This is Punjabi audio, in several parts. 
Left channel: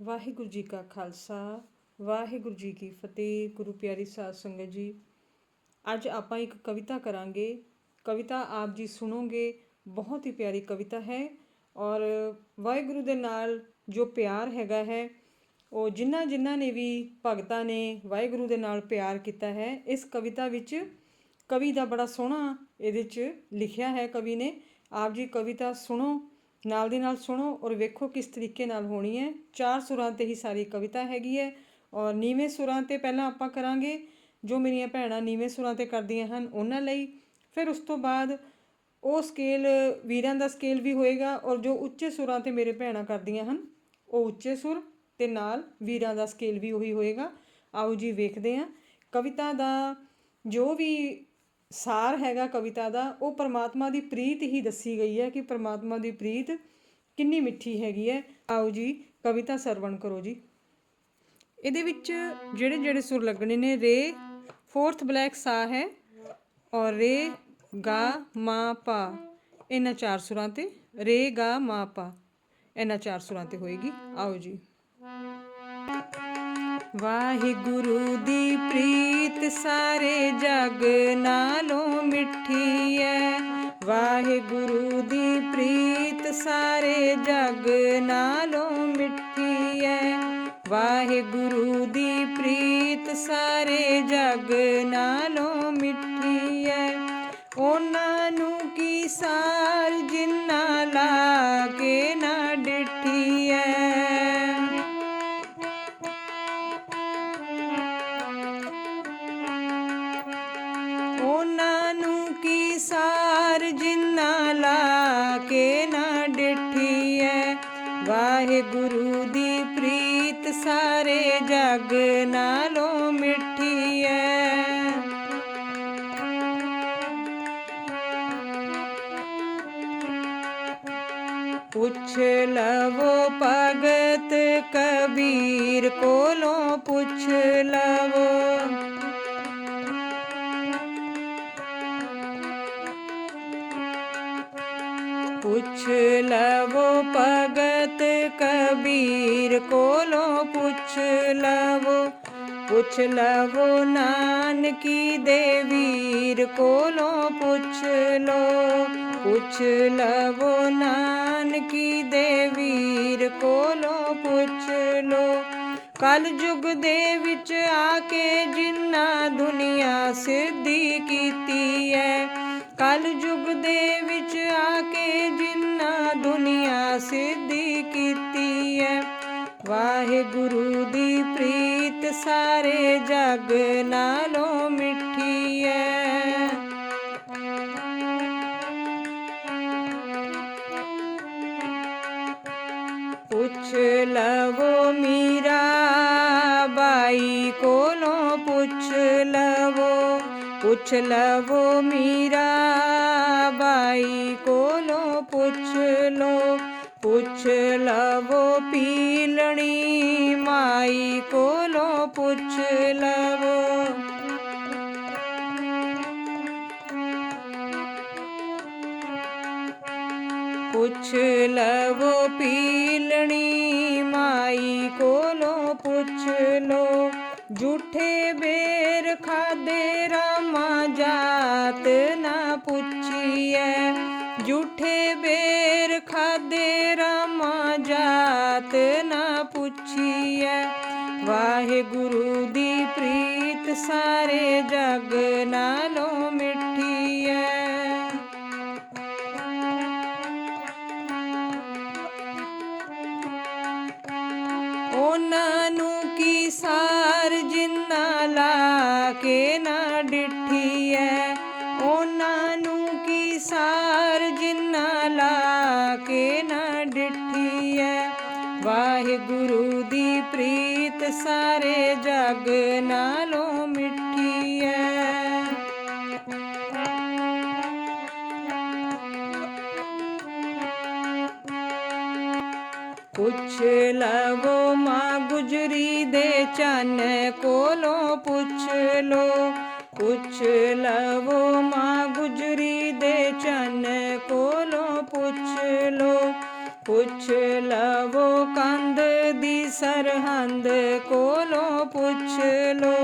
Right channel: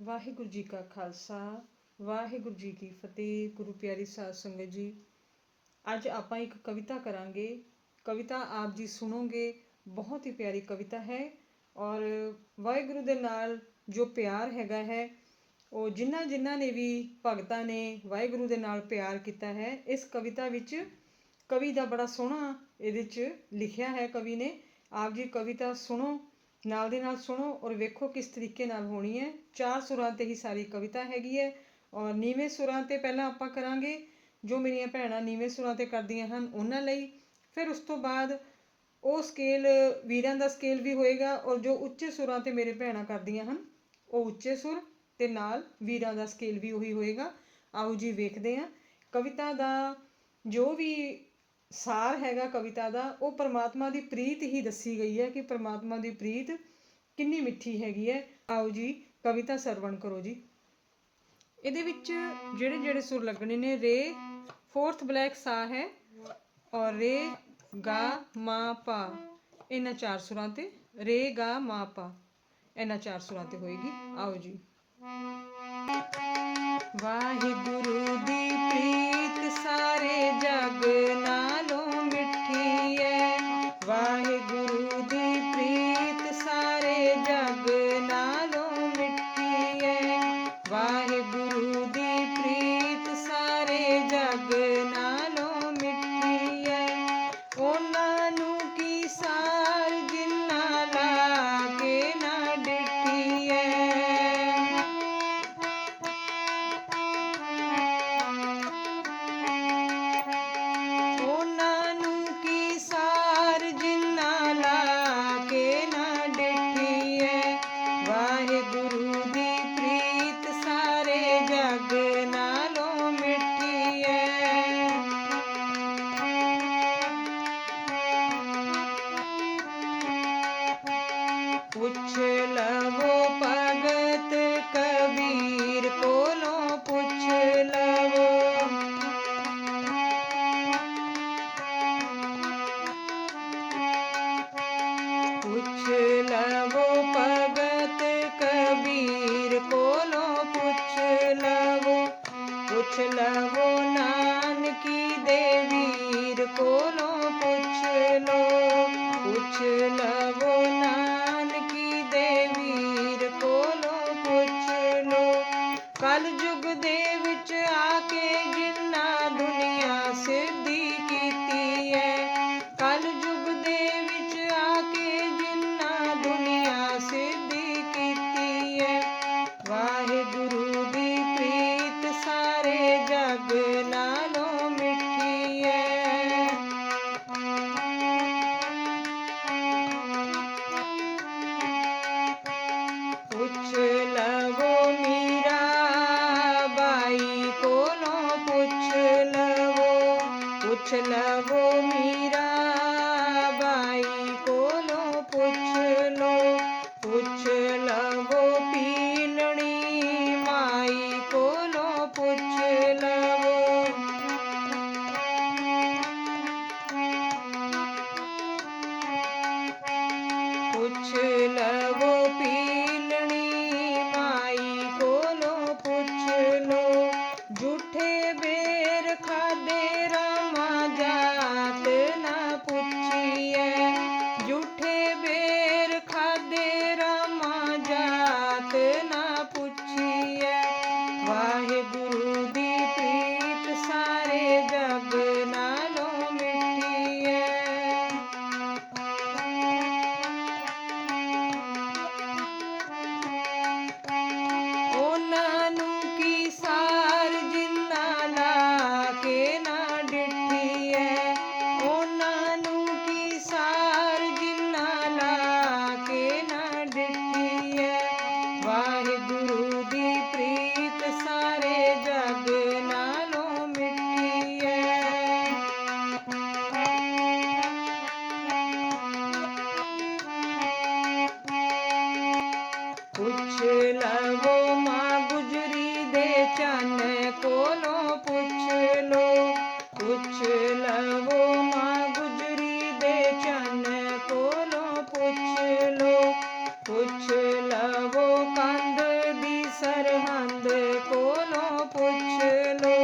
ਵਾਹਿਗੁਰੂ ਜੀ ਕਾ ਖਾਲਸਾ, ਵਾਹਿਗੁਰੂ ਜੀ ਕੀ ਫਤਿਹ, ਗੁਰੂ ਪਿਆਰੀ ਸਾਧ ਸੰਗਤ ਜੀ। ਅੱਜ ਆਪਾਂ ਇੱਕ ਕਵਿਤਾ ਕਰਾਂਗੇ। ਕਵਿਤਾ ਆਪ ਜੀ ਸੁਣੋਗੇ, ਬਹੁਤ ਹੀ ਪਿਆਰੀ ਕਵਿਤਾ ਹੈ ਔਰ ਵਾਹਿਗੁਰੂ ਦੇ ਨਾਲ ਜੋ ਪਿਆਰ ਹੈਗਾ ਹੈ, ਉਹ ਜਿਨ੍ਹਾਂ ਜਿਨ੍ਹਾਂ ਨੇ ਵੀ ਭਗਤਾਂ ਨੇ ਵਾਹਿਗੁਰੂ ਦੇ ਨਾਲ ਪਿਆਰ ਕੀਤਾ ਹੈ, ਇਸ ਕਵਿਤਾ ਵਿੱਚ ਕਵੀ ਦਾ ਬੜਾ ਸੋਹਣਾ ਇਹਦੇ 'ਚ ਲਿਖਿਆ ਹੈ ਕਵੀ ਨੇ। ਆਪ ਜੀ ਕਵਿਤਾ ਸੁਣੋ। ਨਾਲ ਦੀ ਨਾਲ ਸੁਣੋ ਔਰ ਵੇਖੋ ਕਿਸ ਤਰੀਕੇ ਨਾਲ ਹੋਣੀ ਹੈ। ਚਾਰ ਸੁਰਾਂ ਤੇ ਹੀ ਸਾਰੀ ਕਵਿਤਾ ਹੈਗੀ ਹੈ ਔਰ ਨੀਵੇਂ ਸੁਰਾਂ ਤੇ ਪਹਿਲਾਂ ਆਪਾਂ ਕਰਾਂਗੇ। ਜੋ ਮੇਰੀਆਂ ਭੈਣਾਂ ਨੀਵੇਂ ਸੁਰਾਂ ਤੇ ਕਰਦੀਆਂ ਹਨ ਉਹਨਾਂ ਲਈ। ਫਿਰ ਉਸ ਤੋਂ ਬਾਅਦ ਉਹ ਸਕੇਲ ਵੀਰਾਂ ਦਾ ਸਕੇਲ ਵੀ ਹੋਏਗਾ ਔਰ ਜੋ ਉੱਚੇ ਸੁਰਾਂ ਤੇ ਮੇਰੇ ਭੈਣਾਂ ਕਰਦੀਆਂ ਹਨ, ਉਹ ਉੱਚੇ ਸੁਰ ਤੇ ਨਾਲ ਵੀਰਾਂ ਦਾ ਸਕੇਲ ਵੀ ਉਹੀ ਹੋਏਗਾ। ਆਓ ਜੀ ਵੇਖਦੇ ਹਾਂ। ਕਵਿਤਾ ਦਾ ਜੋ ਵੀ ਸਾਰ ਹੈਗਾ ਕਵਿਤਾ ਦਾ, ਉਹ ਪ੍ਰਮਾਤਮਾ ਦੀ ਪ੍ਰੀਤ ਹੀ ਦੱਸੀ ਗਈ ਹੈ ਕਿ ਪ੍ਰਮਾਤਮਾ ਦੀ ਪ੍ਰੀਤ ਕਿੰਨੀ ਮਿੱਠੀ ਹੈਗੀ ਹੈ। ਆਓ ਜੀ, ਕਵਿਤਾ ਸਰਵਣ ਕਰੋ ਜੀ। ਇਹਦੇ ਵਿੱਚ ਜਿਹੜੇ ਜਿਹੜੇ ਸੁਰ ਲੱਗਣੇ ਨੇ, ਰੇ, ਫੋਰਥ ਬਲੈਕ ਸਾ ਹੈ ਔਰ ਰੇ, ਗਾ, ਮਾ, ਪਾ। ਇਹਨਾਂ ਚਾਰ ਸੁਰਾਂ ਤੇ, ਰੇ, ਗਾ, ਮਾ, ਪਾ। ਇਹਨਾਂ ਚਾਰ ਸੁਰਾਂ ਤੇ ਹੋਏਗੀ। ਆਓ ਜੀ। ਵਾਹਿਗੁਰੂ ਦੀ ਪ੍ਰੀਤ ਨੂੰ ਵੀਰ ਕੋਲੋਂ ਪੁੱਛ ਲੋ ਪੁੱਛ ਲਵੋ ਨਾਨਕੀ ਦੇ ਵੀਰ। ਕੋਲੋਂ ਪੁੱਛ ਲੋ ਕਲ ਯੁਗ ਦੇ ਵਿੱਚ ਆ ਕੇ ਪੁੱਛ ਪੁੱਛ ਲਵੋ ਮਾਂ ਗੁਜਰੀ ਦੇ ਚੰਨ ਕੋਲੋਂ ਪੁੱਛ ਲੋ। ਪੁੱਛ ਲਵੋ ਕੰਧ ਦੀ ਸਰਹੰਦ ਕੋਲੋਂ ਪੁੱਛ ਲੋ।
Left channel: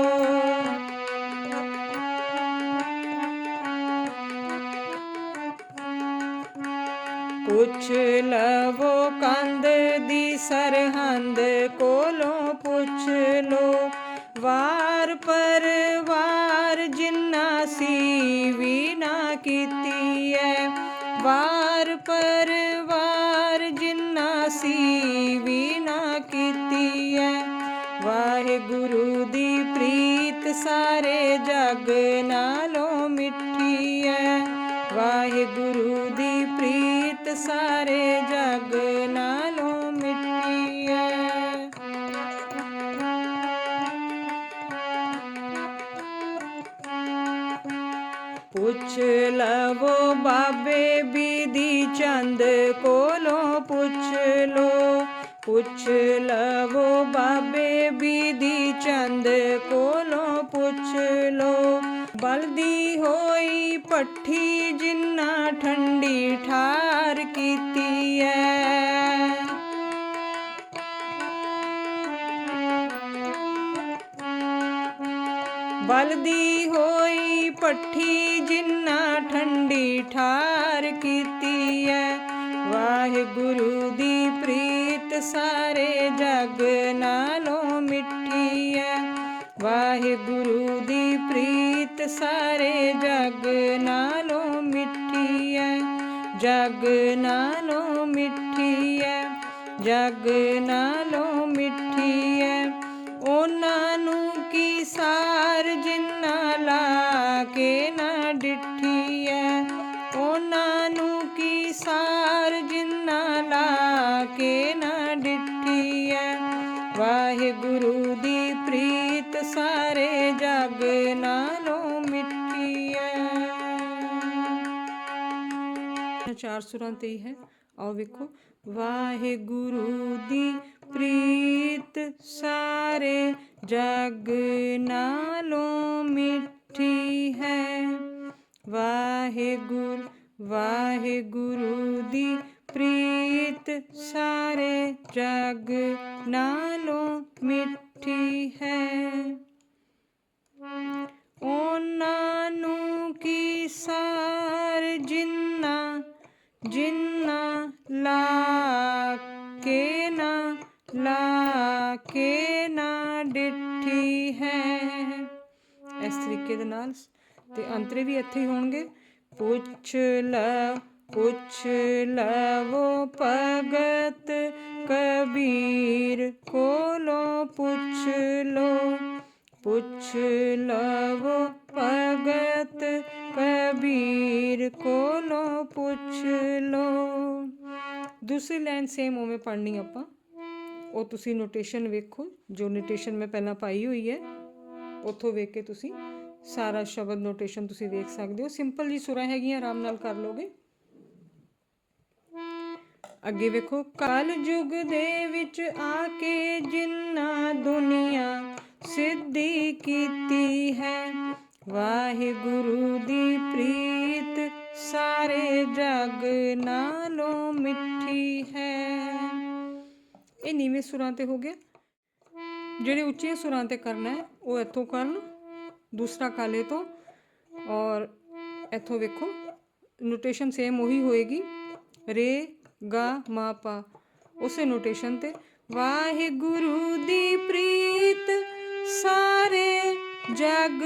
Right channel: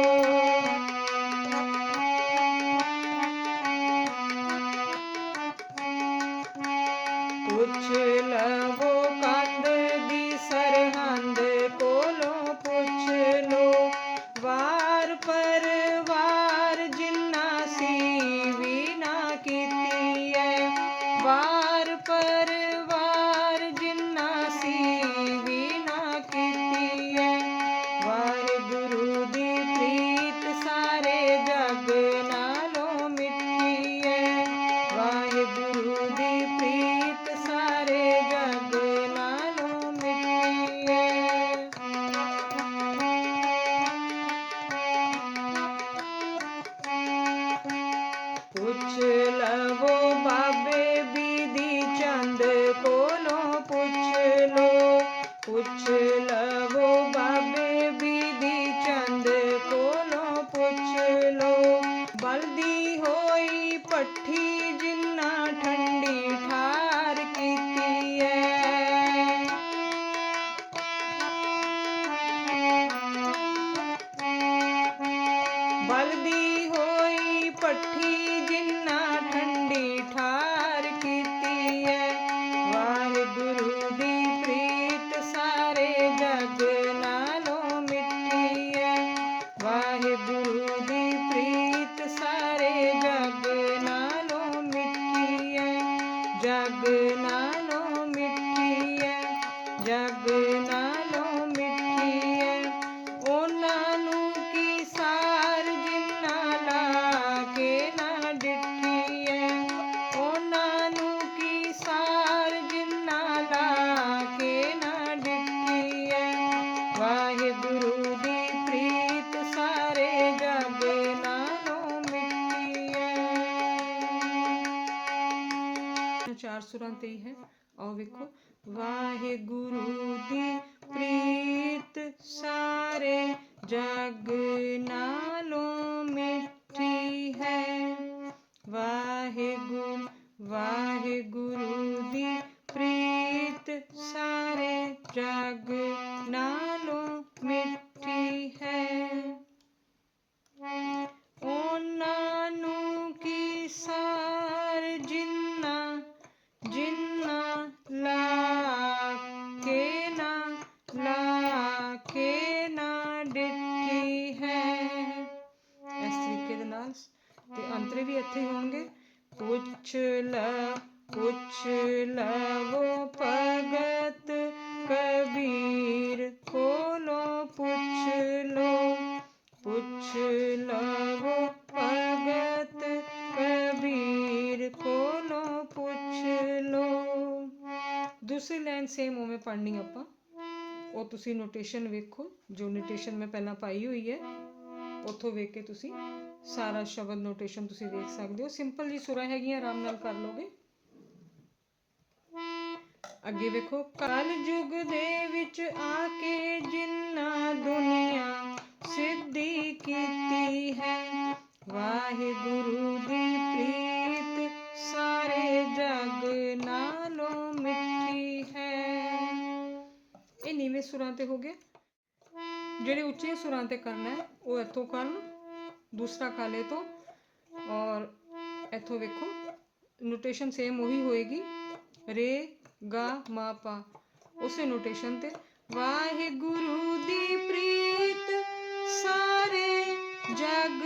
ਪੁੱਛ ਲਵੋ ਕੰਧ ਦੀ ਸਰਹੰਦ ਦੀ ਹੋਈ ਪੱਠੀ ਜਿੰਨਾ ਠੰਡ ਮਿੱਠੀ ਐ, ਜਗ ਨਾਲੋਂ ਮਿੱਠੀ ਐ। ਉਹਨਾਂ ਨੂੰ ਕੀ ਸਾਰ ਜਿੰਨਾ ਲਾ ਕੇ ਨਾ ਡਿੱਠੀ ਐ? ਉਹਨਾਂ ਨੂੰ ਕੀ ਸਾਰ ਜਿੰਨਾ ਲਾ ਕੇ ਨਾ ਡਿੱਠੀ ਐ? ਵਾਹਿਗੁਰੂ ਦੀ ਪ੍ਰੀਤ ਸਾਰੇ ਜਗ ਨਾਲੋਂ ਮਿੱਠੀ ਐ। ਚਾਰ ਸੁਰਾਂ ਤੇ ਹੀ ਹੈ। ਆਓ ਵੇਖੋ। ਵਾਹਿਗੁਰੂ ਦੀ ਪ੍ਰੀਤ ਸਾਰੇ ਜਗ ਨਾਲੋਂ ਮਿੱਠੀ ਹੈ। ਵਾਹਿਗੁਰੂ ਵਾਹਿਗੁਰੂ ਦੀ ਪ੍ਰੀਤ ਸਾਰੇ ਜਗ ਨਾਲੋਂ ਮਿੱਠੀ ਹੈ। ਉਹਨਾਂ ਨੂੰ ਕੀ ਸਾਰ ਜਿੰਨਾ ਜਿੰਨਾ ਇੱਥੇ ਹੋਣਗੇ। ਪੁੱਛ ਲ, ਪੁੱਛ ਲਵੋ ਭਗਤ ਕਬੀਰ। ਕੋਲੋਂ ਪੁੱਛ ਲੋ, ਪੁੱਛ ਲਵੋ ਭਗਤ ਕਬੀਰ। ਕੋਲੋਂ ਪੁੱਛ ਲੋ। ਦੂਸਰੀ ਲਾਈਨ ਸੇਮ ਉਵੇਂ ਪੜ੍ਹਨੀ ਆਪਾਂ। ਉਹ ਤੁਸੀਂ ਨੋਟੇਸ਼ਨ ਵੇਖੋ। ਜੋ ਨੋਟੇਸ਼ਨ ਮੈਂ ਪਹਿਲਾਂ ਪਾਈ ਹੋਈ ਹੈ, ਉੱਥੋਂ ਵੇਖ ਕੇ ਤੁਸੀਂ ਸਾਰਾ ਸ਼ਬਦ ਨੋਟੇਸ਼ਨ ਤੁਸੀਂ ਵੇਖ ਸਕਦੇ ਹੋ। ਸਿੰਪਲ ਜੀ ਸੁਰਾਂ ਹੈਗੀਆਂ ਆਰਾਮ ਨਾਲ ਕਰ ਲੋਗੇ। ਅੱਗੇ ਵੇਖੋ ਕਲ ਯੁਗ ਦੇ ਵਿੱਚ ਆ ਕੇ ਜਿੰਨਾ ਦੁਨੀਆ ਸਿੱਧੀ ਕੀਤੀ ਹੈ। ਵਾਹਿਗੁਰੂ ਦੀ ਪ੍ਰੀਤ ਸਾਰੇ ਜਗ ਨਾਲੋਂ ਮਿੱਠੀ ਹੈ। ਇਹ ਨੀਵੇਂ ਸੁਰਾਂ ਤੇ ਹੋ ਗਿਆ। ਜਿਹੜੇ ਉੱਚੇ ਸੁਰਾਂ ਤੇ ਕਰਨਾ ਹੈ ਉਹ ਇੱਥੋਂ ਕਰਨ ਦੂਸਰਾ ਕਾਲੇ ਤੋਂ। ਔਰ ਇੱਥੋਂ ਵੇਖੋ ਨੋਟੇਸ਼ਨ ਸੇਮ ਉਹੀ ਹੋਏਗੀ। ਰੇ, ਗਾ, ਮਾ, ਪਾ, ਉਸੇ ਨੋਟੇਸ਼ਨ ਤੇ। ਵਾਹਿਗੁਰੂ ਦੀ ਪ੍ਰੀਤ, ਸਾਰੇ ਜਗ